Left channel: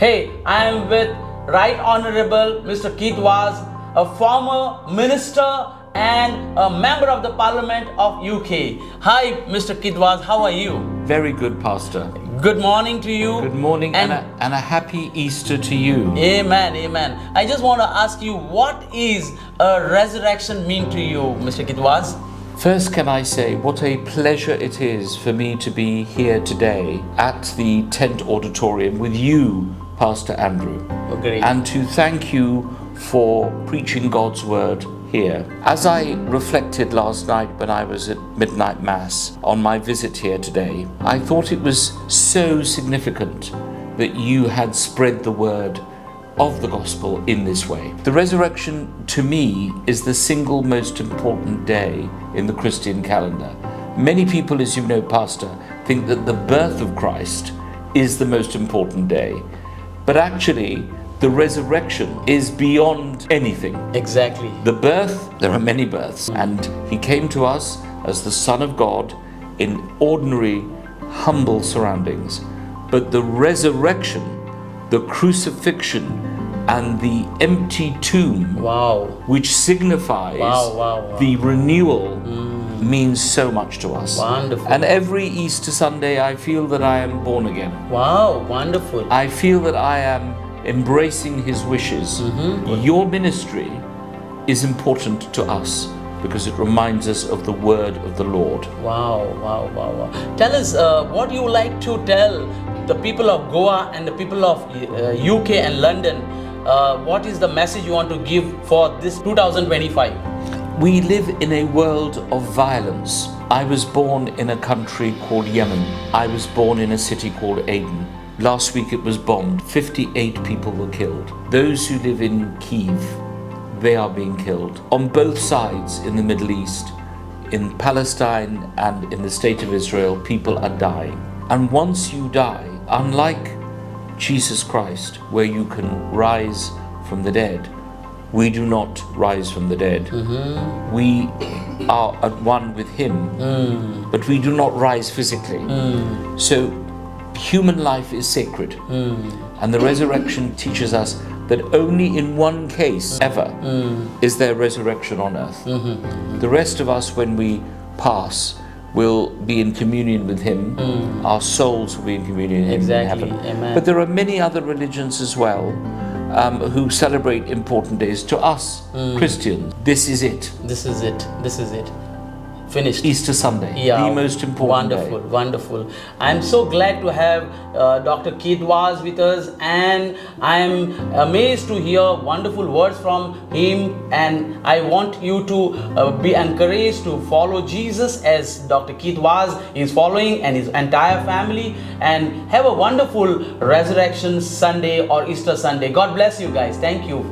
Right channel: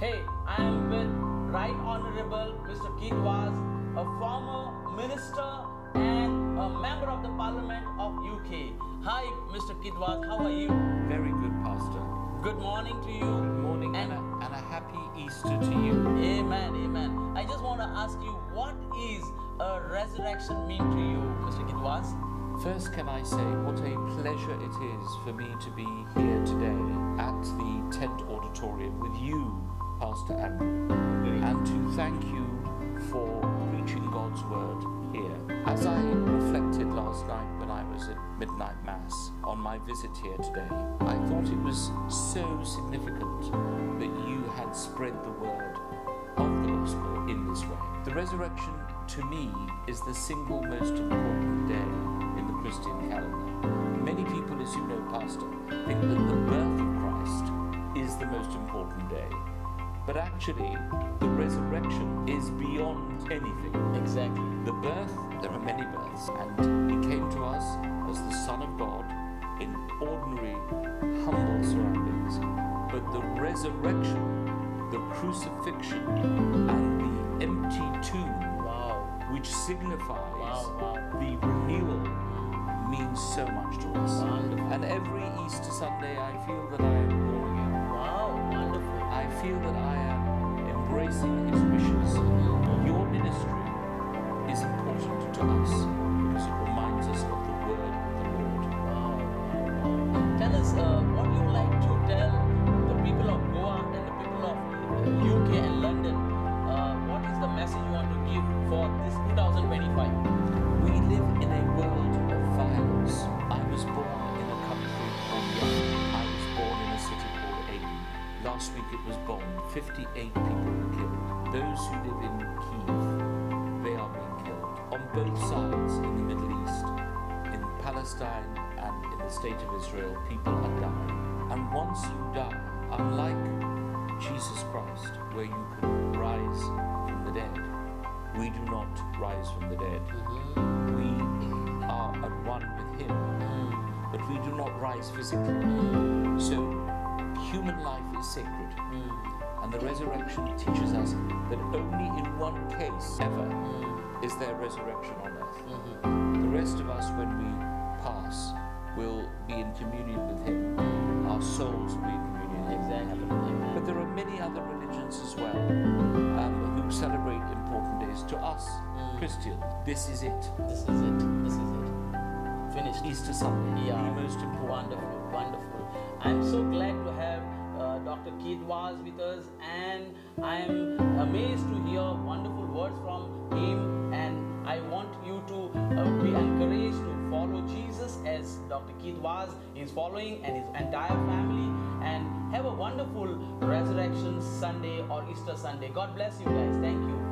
Hey, I am with Right Honorable Mr. Keith Vaz, a former minister and a member of the Parliament of UK. Hi, Mr. Keith Vaz, how are you? Very good, Pastor. Good morning to you. Good morning and a happy Easter to you. Amen, amen. I just want to ask you, what is a resurrection mean to you, Mr. Keith Vaz? First, can I say what a pleasure it is for me to be here today at the Tent Auditorium with you, Pastor Andrew. Oh, great. And to thank you for preaching God's word here. As I reflected last night when I was at midnight mass on my visit here today, I thought it was so significant that you had spread the word of the gospel in this way. The resurrection, to me, is the single most important day in the Christian calendar. Many people, as you know, Pastor, think that the birth of Christ is the most important day. But actually, the resurrection is beyond anything. Exactly. The birth, there are many births, and he came to us as the Son of God in ordinary, humble surroundings. But the resurrection, the crucifixion, and the empty tomb, Wow. which signifies Wow. the renewal, means so much to us. Wonderful. And every Easter Sunday, I feel that I am born again. Wow, wonderful. I feel that I am embracing his wishes. Your ministry is important to us because it reminds us of the word of the Lord. Wow. Tell us what you like to tell the people of Goa and the people of UK and London. What is the message you want to give for this 2025? We live in a world of violence. I was born in a country called Yemen. I was born in a city called Aden. Last week it was bombed. 58 people were killed. Those who live in Kiev, they are being killed. On both sides in the Middle East, in Palestine and in the state of Israel, people are dying. And once you die, unlike Jesus Christ, where you can rise from the dead, we do not rise from the dead. We are at one with him, but we do not rise physically. So human life is sacred. And the resurrection teaches us that only in one case ever is there resurrection on earth. The rest of us, when we pass, will be in communion with him. Our souls will be in communion with him Exactly. in heaven. Amen. But there are many other religions as well who celebrate important days. To us, Christians, this is it. This is it. Finished. Easter Sunday, the most important day. Wonderful. I'm so glad to have Dr. Keith Vaz with us, and I'm amazed to hear wonderful words from him, and I want you to be encouraged to follow Jesus as Dr. Keith Vaz is following, and his entire family, and have a wonderful Resurrection Sunday or Easter Sunday. God bless you guys. Thank you.